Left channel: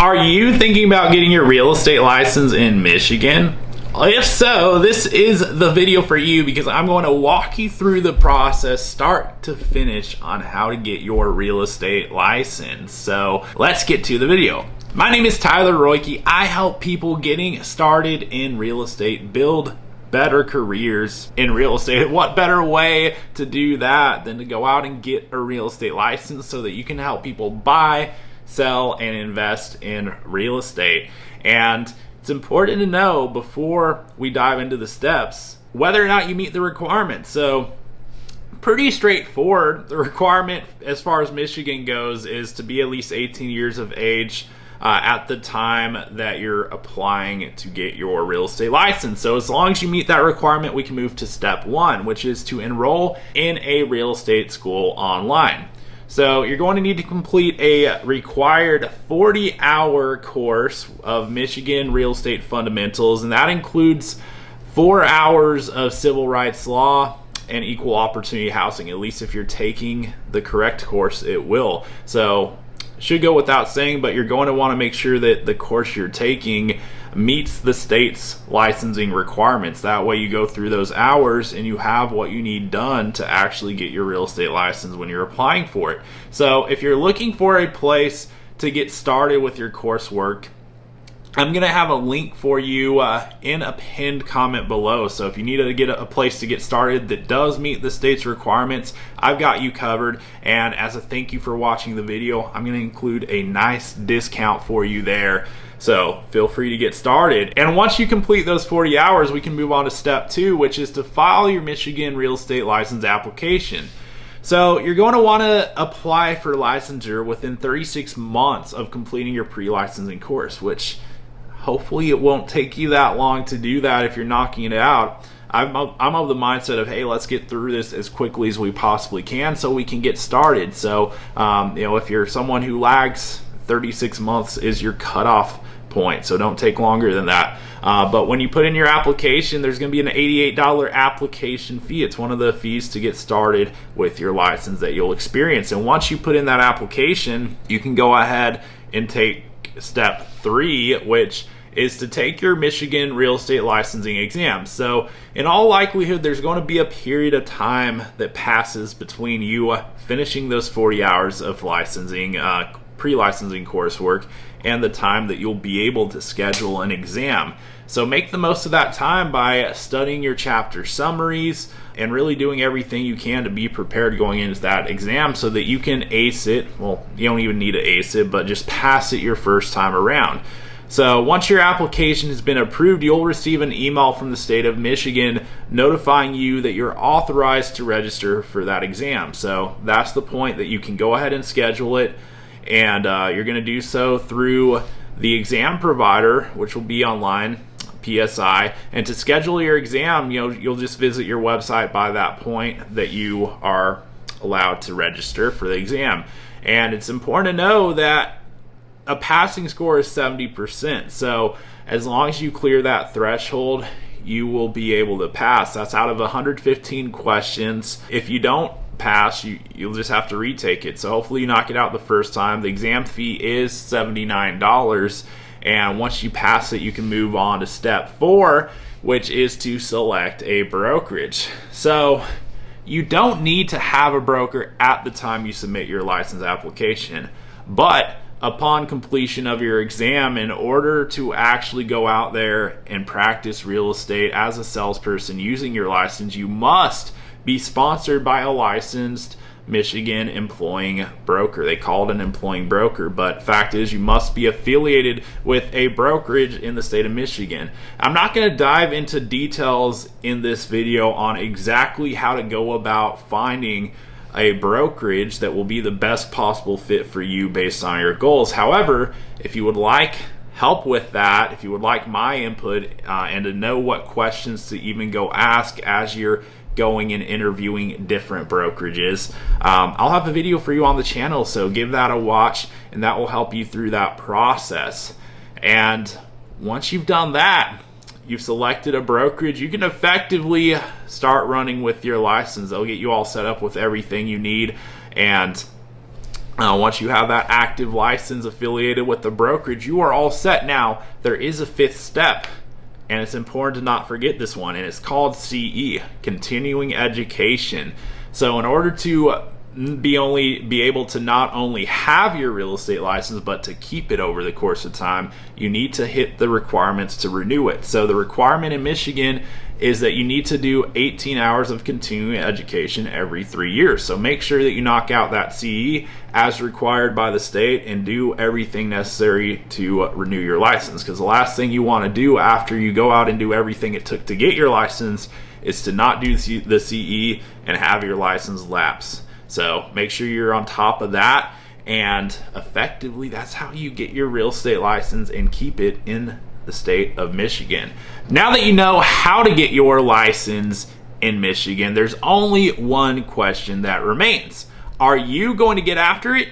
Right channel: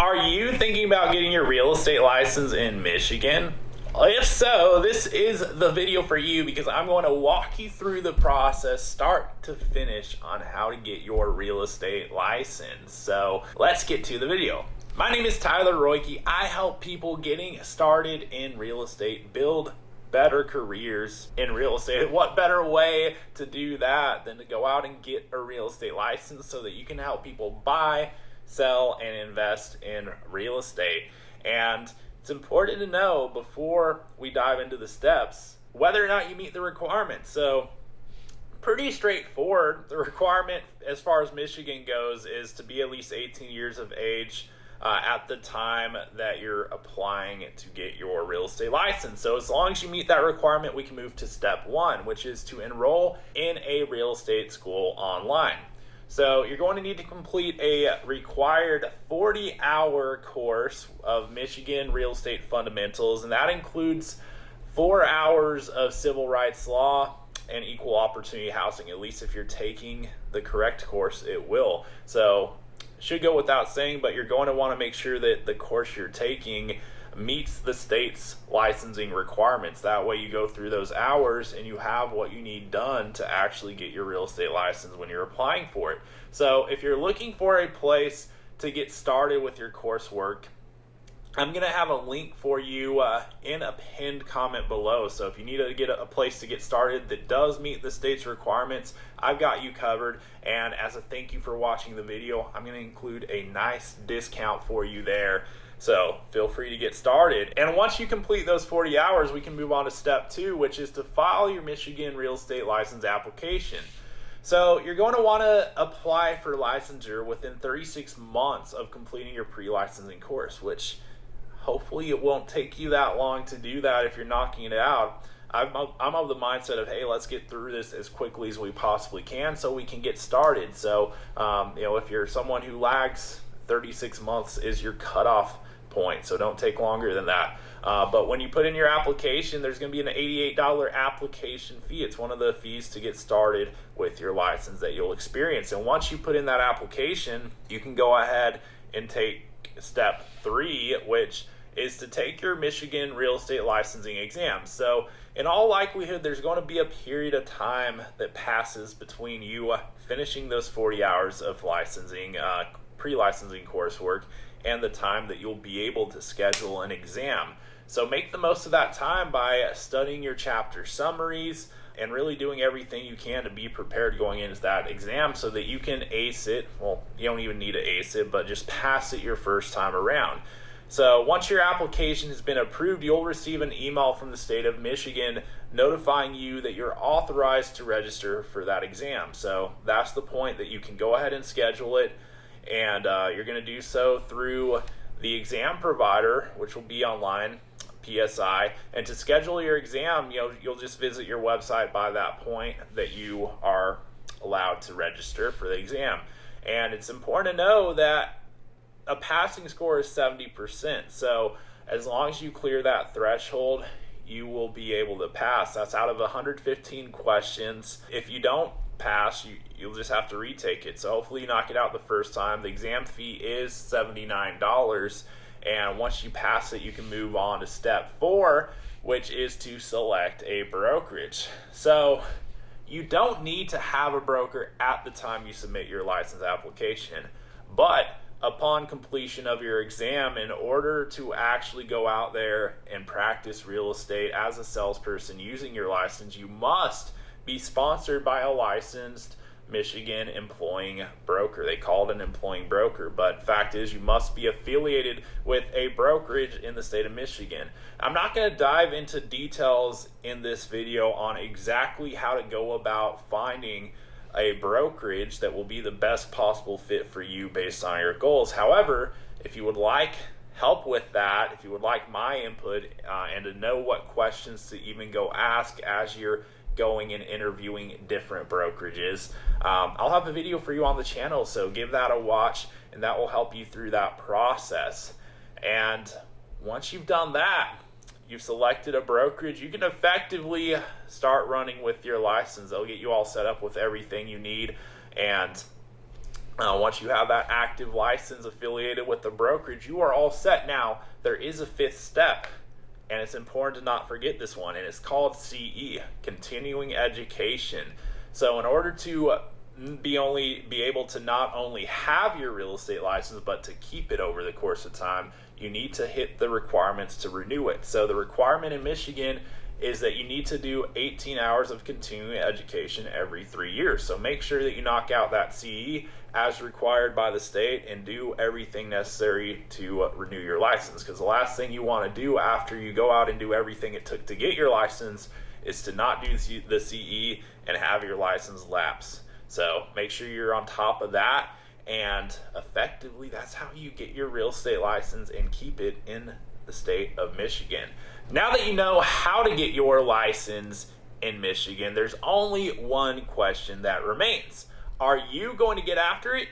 Are you thinking about getting your real estate license in Michigan? If so, this is the video for you because I'm going to walk you through the process start to finish on how to get your real estate license. So let's get to the video. My name is Tyler Roicki. I help people getting started in real estate build better careers in real estate. What better way to do that than to go out and get a real estate license so that you can help people buy, sell, and invest in real estate. And it's important to know before we dive into the steps whether or not you meet the requirements. So pretty straightforward. The requirement as far as Michigan goes is to be at least 18 years of age at the time that you're applying to get your real estate license. So as long as you meet that requirement, we can move to step one, which is to enroll in a real estate school online. So you're going to need to complete a required 40-hour course of Michigan real estate fundamentals, and that includes 4 hours of civil rights law and equal opportunity housing. At least if you're taking the correct course, it will. So should go without saying, but you're going to want to make sure that the course you're taking meets the state's licensing requirements. That way you go through those hours and you have what you need done to actually get your real estate license when you're applying for it. So if you're looking for a place to get started with your coursework, I'm going to have a link for you in a pinned comment below. So if you need to get a place to get started that does meet the state's requirements, I've got you covered. And as a thank you for watching the video, I'm going to include a nice discount for you there. So feel free to get started. And once you complete those 40 hours, we can move on to step two, which is to file your Michigan real estate license application. So you're going to want to apply for licensure within 36 months of completing your pre-licensing course, which hopefully it won't take you that long to do that if you're knocking it out. I'm of the mindset of, hey, let's get through this as quickly as we possibly can so we can get started. So, if you're someone who lags, 36 months is your cutoff point, so don't take longer than that. But when you put in your application, there's going to be an $88 application fee. It's one of the fees to get started with your license that you'll experience. And once you put in that application, you can go ahead and take step three, which is to take your Michigan real estate licensing exam. So in all likelihood, there's going to be a period of time that passes between you finishing those 40 hours of licensing, pre-licensing coursework, and the time that you'll be able to schedule an exam. So make the most of that time by studying your chapter summaries and really doing everything you can to be prepared going into that exam so that you can ace it. Well, you don't even need to ace it, but just pass it your first time around. So once your application has been approved, you'll receive an email from the state of Michigan notifying you that you're authorized to register for that exam. So that's the point that you can go ahead and schedule it. And you're going to do so through the exam provider, which will be online, PSI. And to schedule your exam, you'll just visit your website by that point that you are allowed to register for the exam. And it's important to know that a passing score is 70%. So as long as you clear that threshold, you will be able to pass. That's out of 115 questions. If you don't pass, you'll just have to retake it. So hopefully you knock it out the first time. The exam fee is $79, and once you pass it, you can move on to step four, which is to select a brokerage. So you don't need to have a broker at the time you submit your license application, but upon completion of your exam, in order to actually go out there and practice real estate as a salesperson using your license, you must be sponsored by a licensed Michigan employing broker. They call it an employing broker, but fact is you must be affiliated with a brokerage in the state of Michigan. I'm not going to dive into details in this video on exactly how to go about finding a brokerage that will be the best possible fit for you based on your goals. However, if you would like help with that, if you would like my input and to know what questions to even go ask as you're going and interviewing different brokerages, I'll have a video for you on the channel, so give that a watch and that will help you through that process. And once you've done that, you've selected a brokerage, you can effectively start running with your license. They'll get you all set up with everything you need, and Once you have that active license affiliated with the brokerage, you are all set. Now, there is a fifth step, and it's important to not forget this one, and it's called CE, continuing education. So in order to be able to not only have your real estate license, but to keep it over the course of time, you need to hit the requirements to renew it. So the requirement in Michigan is that you need to do 18 hours of continuing education every 3 years. So make sure that you knock out that CE as required by the state and do everything necessary to renew your license. Because the last thing you want to do after you go out and do everything it took to get your license is to not do the CE and have your license lapse. So make sure you're on top of that, and effectively that's how you get your real estate license and keep it in the state of Michigan. Now that you know how to get your license in Michigan, there's only one question that remains. Are you going to get after it?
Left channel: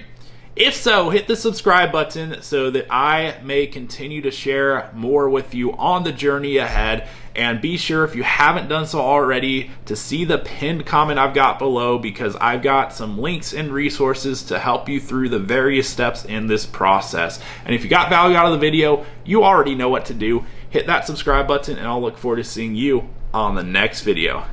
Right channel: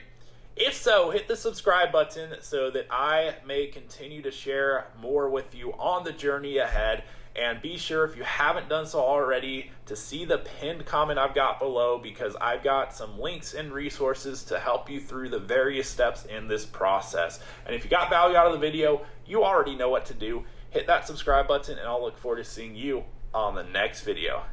If so, hit the subscribe button so that I may continue to share more with you on the journey ahead. And be sure, if you haven't done so already, to see the pinned comment I've got below, because I've got some links and resources to help you through the various steps in this process. And if you got value out of the video, you already know what to do. Hit that subscribe button, and I'll look forward to seeing you on the next video.